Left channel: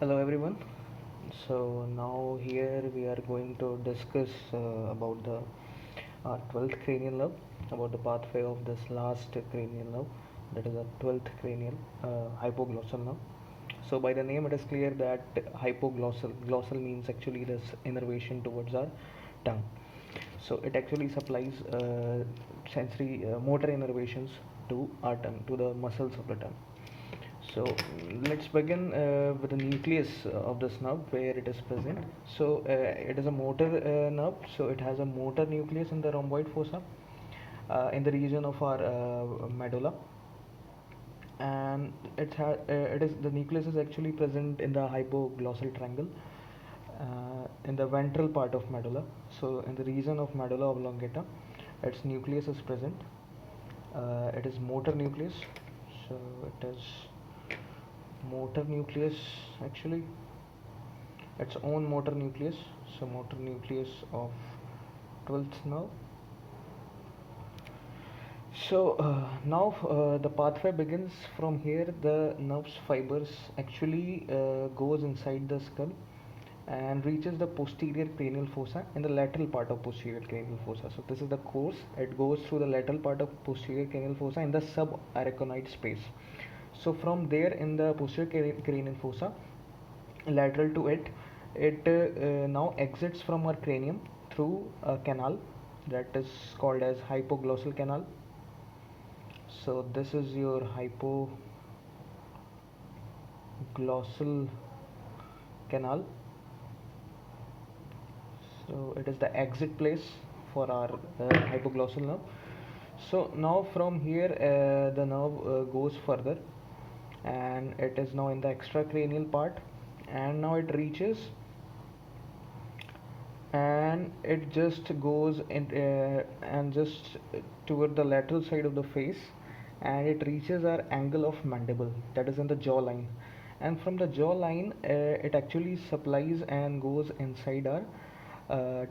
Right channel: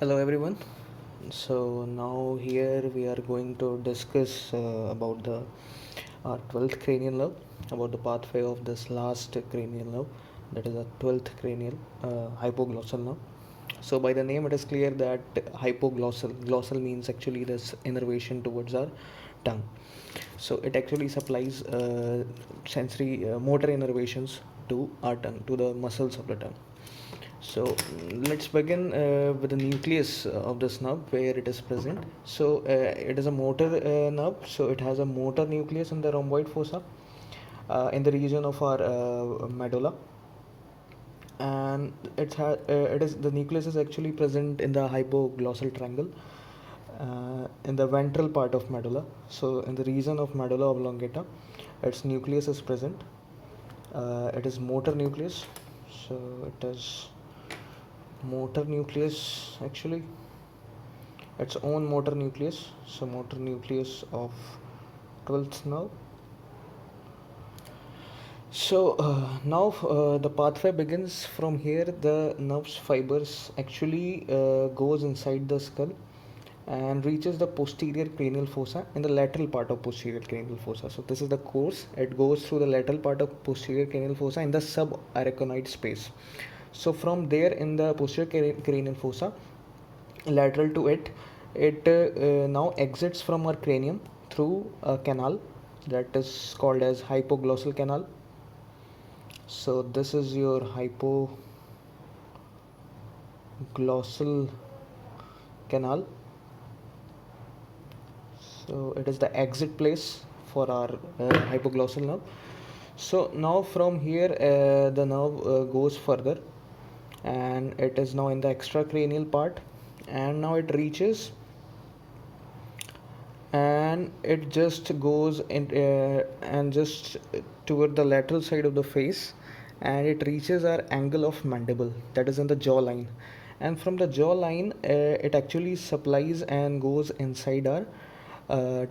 Hello everyone. So now here we are going to discuss about the 12th cranial nerve, about the pathway of this last cranial nerve, that is the 12th cranial hypoglossal nerve. So by the name it is clear that glossal means actually this innervation towards our tongue. So it actually supplies sensory motor innervations to our tongue, to the muscles of the tongue. So let's begin with the nucleus of this nerve where it is present. So it is a motor nerve. So it has a motor nucleus in the rhomboid fossa in the region of our medulla, and it is the nucleus is actually present in the hypoglossal triangle in the ventral part of medulla. So in the region of medulla oblongata, its nucleus is present. It is motor nucleus. So it is motor nucleus actually, its own motor nucleus. So motor nucleus of 12th nerve. So now the pathway begins from here. The nerve's fibers actually goes inside the skull and reaches the posterior cranial fossa in the lateral part of posterior cranial fossa. So this is the course. It goes through the lateral part of posterior cranial fossa in the subarachnoid space. So from there in the posterior cranial fossa, lateral to it, it now exits from our cranium through a canal that is called as hypoglossal canal. So this is your hypoglossal canal. So it is the exit place for our hypoglossal nerve. So now from here the nerve goes further, and it is now in the extracranial part, and now it reaches and it just goes in and just toward the lateral side of the face, and it reaches our angle of mandible, that is in the jaw line, and from the jaw line it actually supplies and goes inside our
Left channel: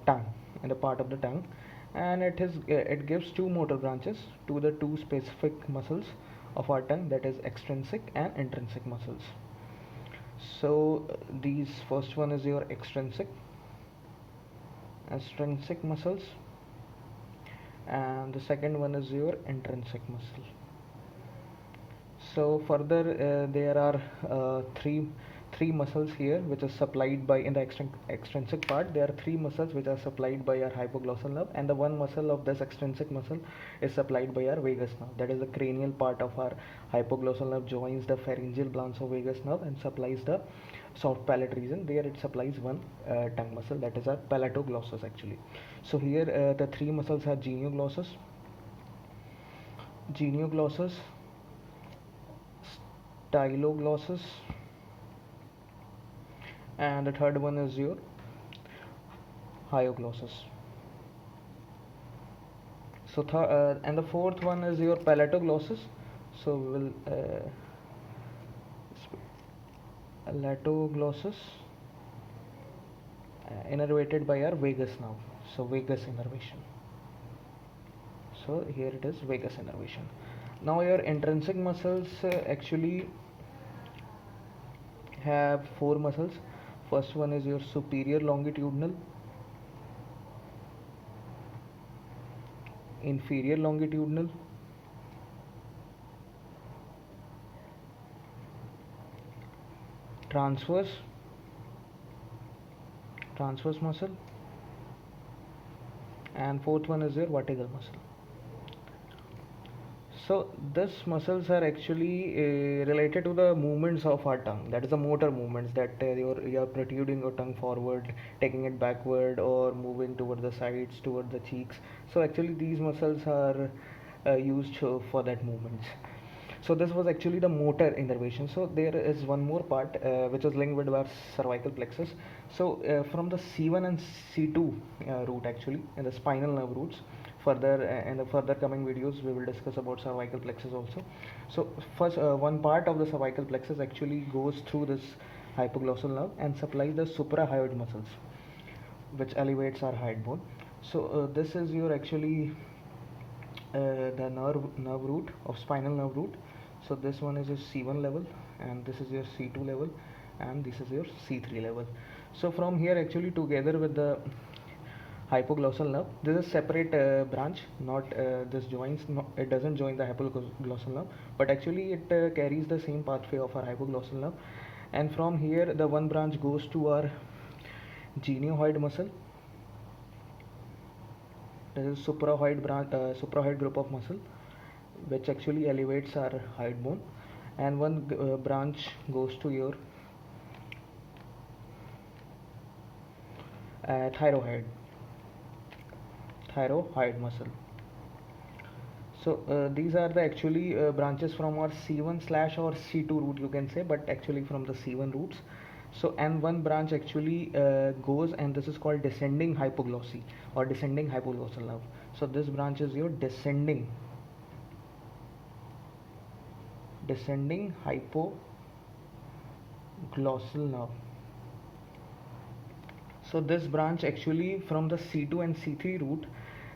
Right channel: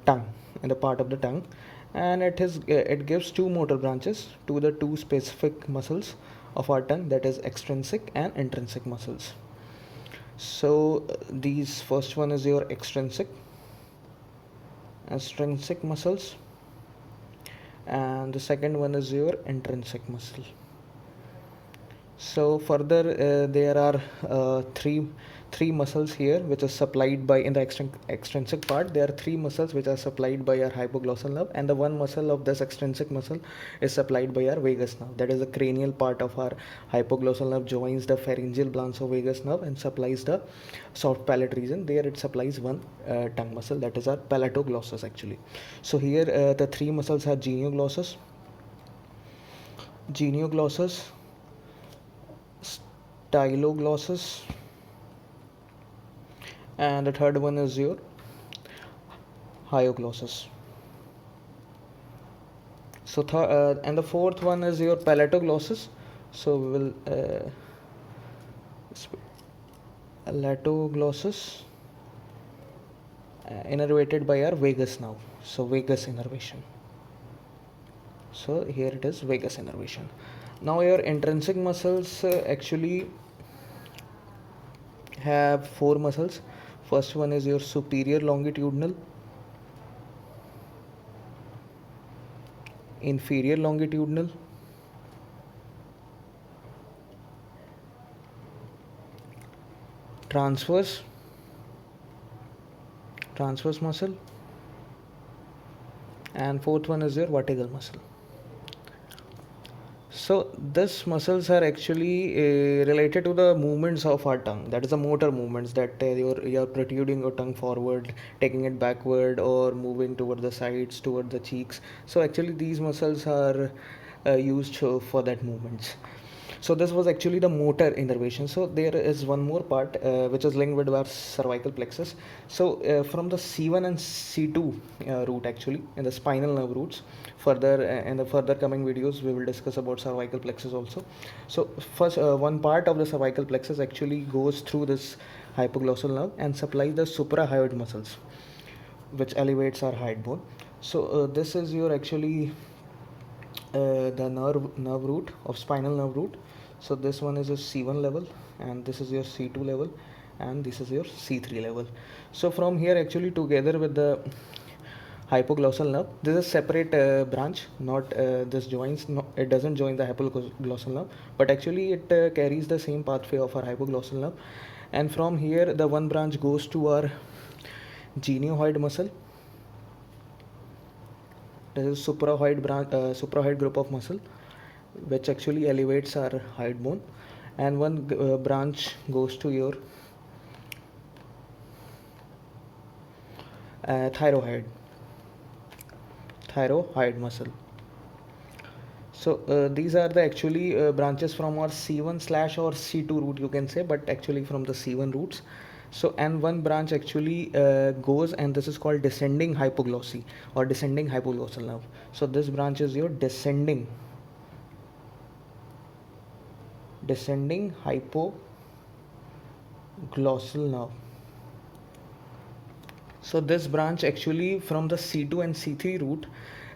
tongue, in the part of the tongue, and it gives two motor branches to the two specific muscles of our tongue, that is extrinsic and intrinsic muscles. So these first one is your extrinsic muscles, and the second one is your intrinsic muscle. So further there are three muscles here which is supplied by, in the extrinsic part there are three muscles which are supplied by our hypoglossal nerve, and the one muscle of this extrinsic muscle is supplied by our vagus nerve, that is the cranial part of our hypoglossal nerve joins the pharyngeal vagus nerve and supplies the soft palate region. There it supplies one tongue muscle, that is our palatoglossus actually. So here the three muscles are genioglossus, styloglossus, and the third one is your hyoglossus. So and the fourth one is your palatoglossus. So we'll palatoglossus innervated by our vagus nerve. So vagus innervation. So here it is vagus innervation. Now your intrinsic muscles actually have four muscles. First one is your superior longitudinal, inferior longitudinal, transverse muscle, and fourth one is your vertical muscle. So these muscles are actually related to the movements of our tongue, that is the motor movements, that you're protruding your tongue forward, taking it backward, or moving toward the sides, toward the cheeks. So actually these muscles are used for that movements. So this was actually the motor innervation. So there is one more part which is linked with our cervical plexus. So from the C1 and C2 root actually, in the spinal nerve roots. Further in the further coming videos we will discuss about cervical plexus also. So first one part of the cervical plexus actually goes through this hypoglossal nerve and supplies the suprahyoid muscles, which elevates our hyoid bone. So this is your actually the nerve root of spinal nerve root. So this one is your C1 level and this is your C2 level, and this is your C3 level. So from here actually together with the hypoglossal nerve, this is separate branch, not this joins, no, it doesn't join the hypoglossal nerve, but actually it carries the same pathway of our hypoglossal nerve. And from here the one branch goes to our genioid muscle. There is supraoid group of muscle which actually elevates our hyoid bone, and one branch goes to your thyroid muscle. So these are the actually branches from our C1 slash or C2 root, you can say, but actually from the C1 roots. So and one branch actually goes, and this is called descending hypoglossy or descending hypoglossal nerve. So this branch is your descending hypoglossal nerve. So this branch actually from the C2 and C3 root,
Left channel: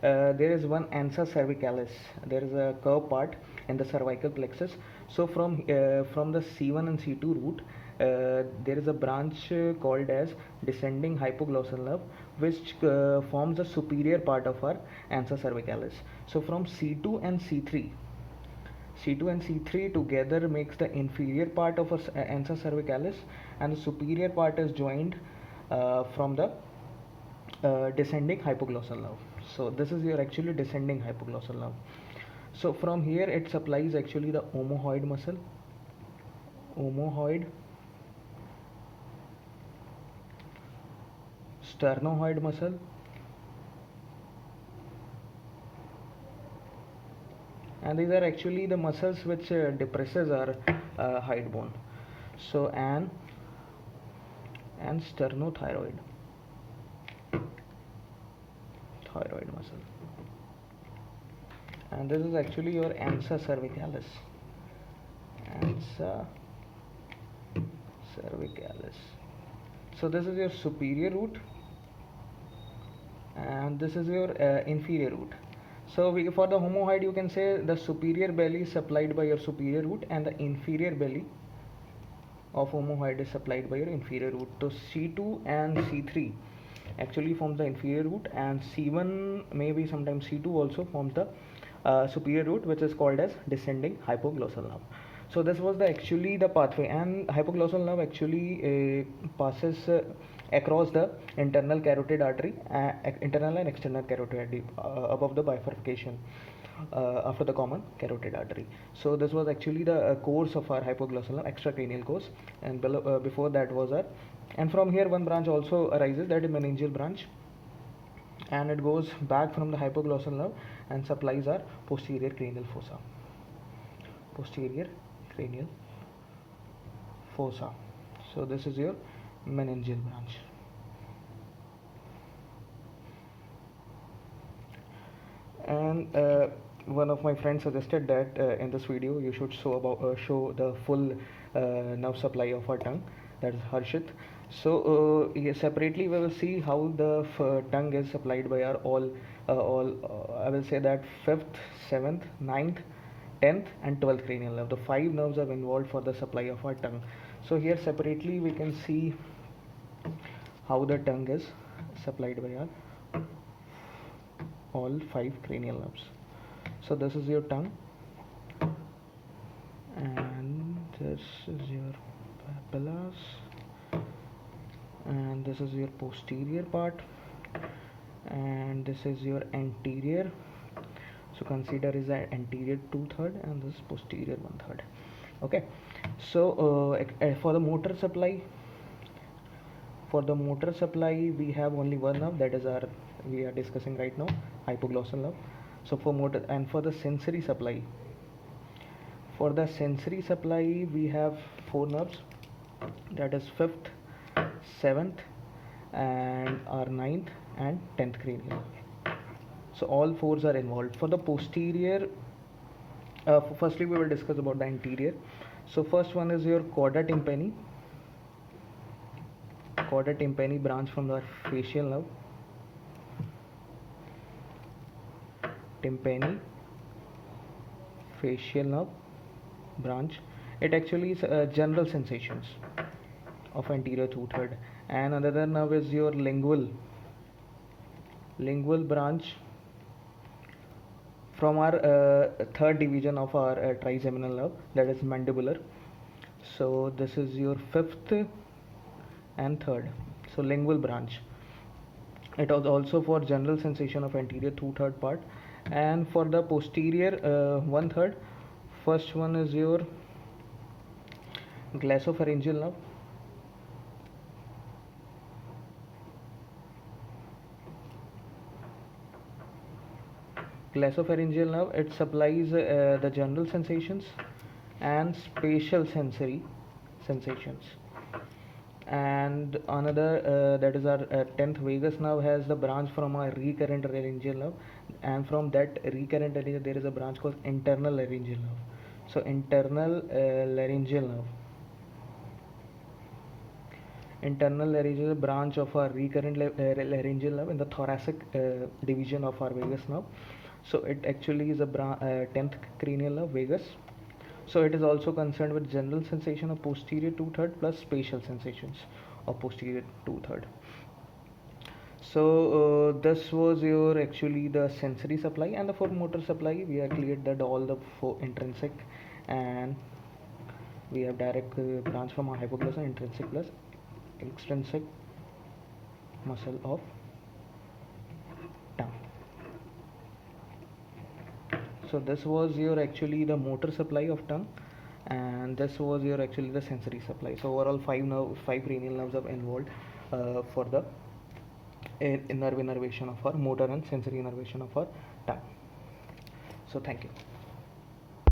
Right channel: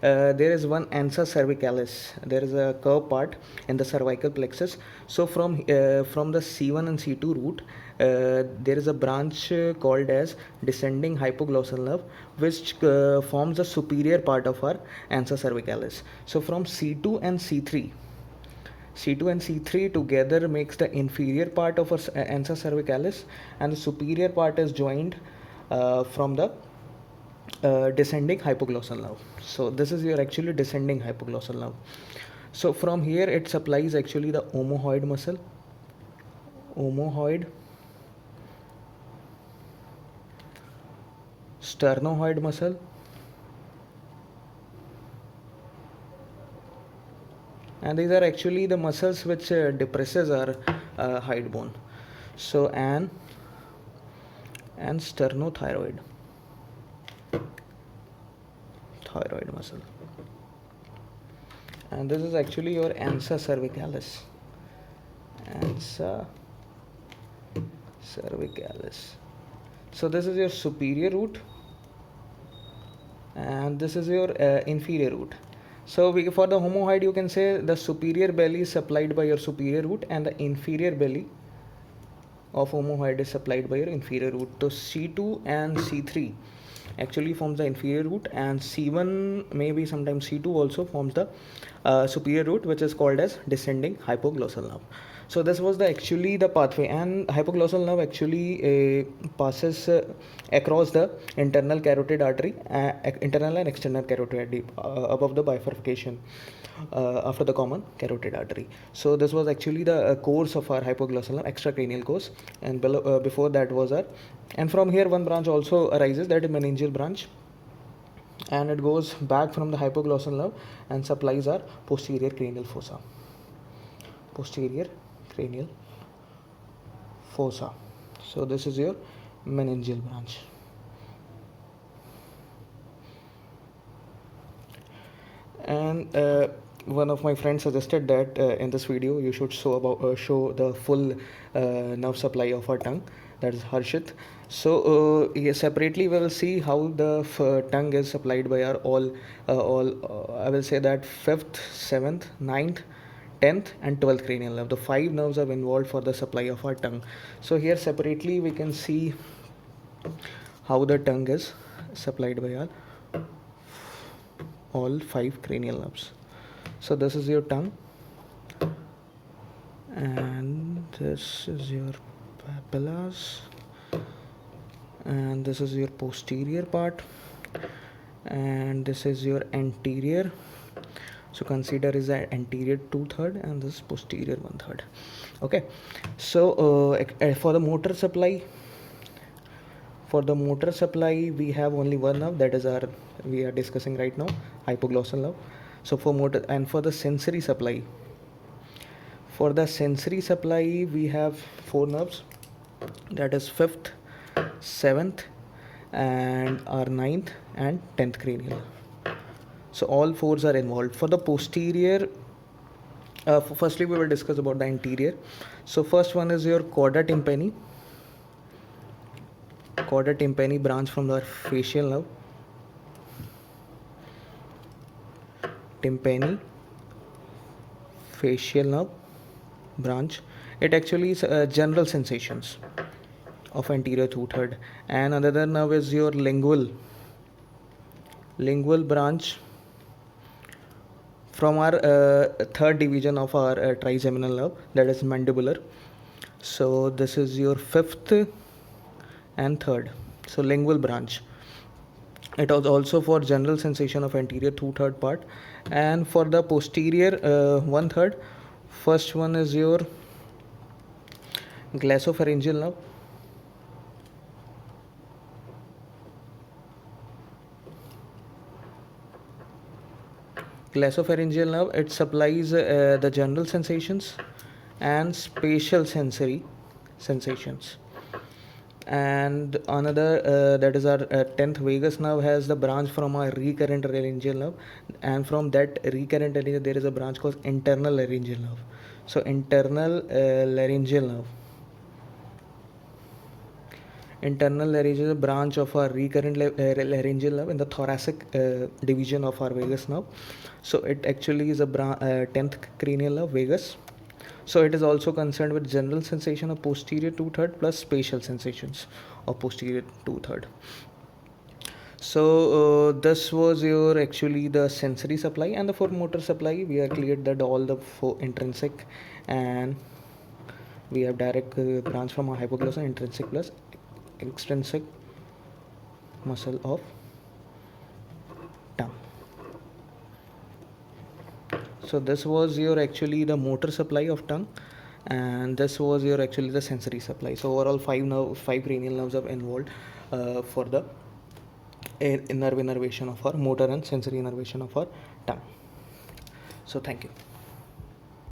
there is one ansa cervicalis. There is a curved part in the cervical plexus. So from the C1 and C2 root, there is a branch called as descending hypoglossal nerve, which forms the superior part of our ansa cervicalis. So from C2 and C3, together makes the inferior part of our ansa cervicalis, and the superior part is joined from the descending hypoglossal nerve. So this is your actually descending hypoglossal nerve. So from here it supplies actually the omohyoid muscle, sternohyoid muscle, and these are actually the muscles which depresses our hyoid bone. So and sternothyroid muscle, and this is actually your ansa cervicalis. So this is your superior root, and this is your inferior root. So for the omohyoid, you can say the superior belly is supplied by your superior root, and the inferior belly of omohyoid is supplied by your inferior root. So C2 and C3 actually forms the inferior root, and C1, maybe sometimes C2 also forms the superior root, which is called as descending hypoglossal nerve. So this was actually the pathway, and hypoglossal nerve actually passes across the internal carotid artery, internal and external carotid artery, above the bifurcation after the common carotid artery. So this was actually the course of our hypoglossal nerve, extracranial course, and before that was our, and from here one branch also arises, that is meningeal branch, and it goes back from the hypoglossal nerve and supplies our posterior cranial fossa. So this is your meningeal branch. And one of my friends suggested that in this video you should show the full nerve supply of our tongue, that is Harshit. So separately we will see how the tongue is supplied by our all I will say that 5th, 7th, 9th, 10th and 12th cranial nerve. The 5 nerves are involved for the supply of our tongue. So here separately we can see how the tongue is supplied by our all 5 cranial nerves. So this is your tongue, and this is your papillas, and this is your posterior part, and this is your anterior. So consider is an anterior 2/3 and this posterior 1/3. Okay, so for the motor supply, we have only one nerve, that is our, we are discussing right now, hypoglossal nerve. So for motor, and for the sensory supply, we have 4 nerves, that is 5th, 7th and our 9th and 10th cranial. So all 4s are involved. For the posterior, firstly we will discuss about the anterior. So first one is your chorda tympani branch from the facial nerve. Tympani facial nerve branch. It actually is general sensations. of anterior two-third, and another nerve is your lingual branch from our third division of our trigeminal nerve, that is mandibular. So this is your fifth and third. So lingual branch. It was also for general sensation of anterior two-third part, and for the posterior one-third. First one is your glossopharyngeal nerve. Glossopharyngeal nerve, it supplies the general sensations and spatial sensory sensations. And another that is our 10th vagus nerve has the branch from our recurrent laryngeal nerve, and from that recurrent laryngeal there is a branch called internal laryngeal nerve. So internal laryngeal nerve, internal laryngeal branch of our recurrent laryngeal nerve in the thoracic division of our vagus nerve. So it actually is a 10th cranial nerve, vagus. So it is also concerned with general sensation of posterior two-third plus spatial sensations of posterior two-third. So this was your actually the sensory supply, and the for motor supply we have cleared that all the four intrinsic, and we have direct branch from our hypoglossal, intrinsic plus extrinsic muscle of tongue. So this was your actually the motor supply of tongue, and this was your actually the sensory supply. So overall five cranial nerves are involved for the innervation of our motor and sensory innervation of our tongue. So thank you.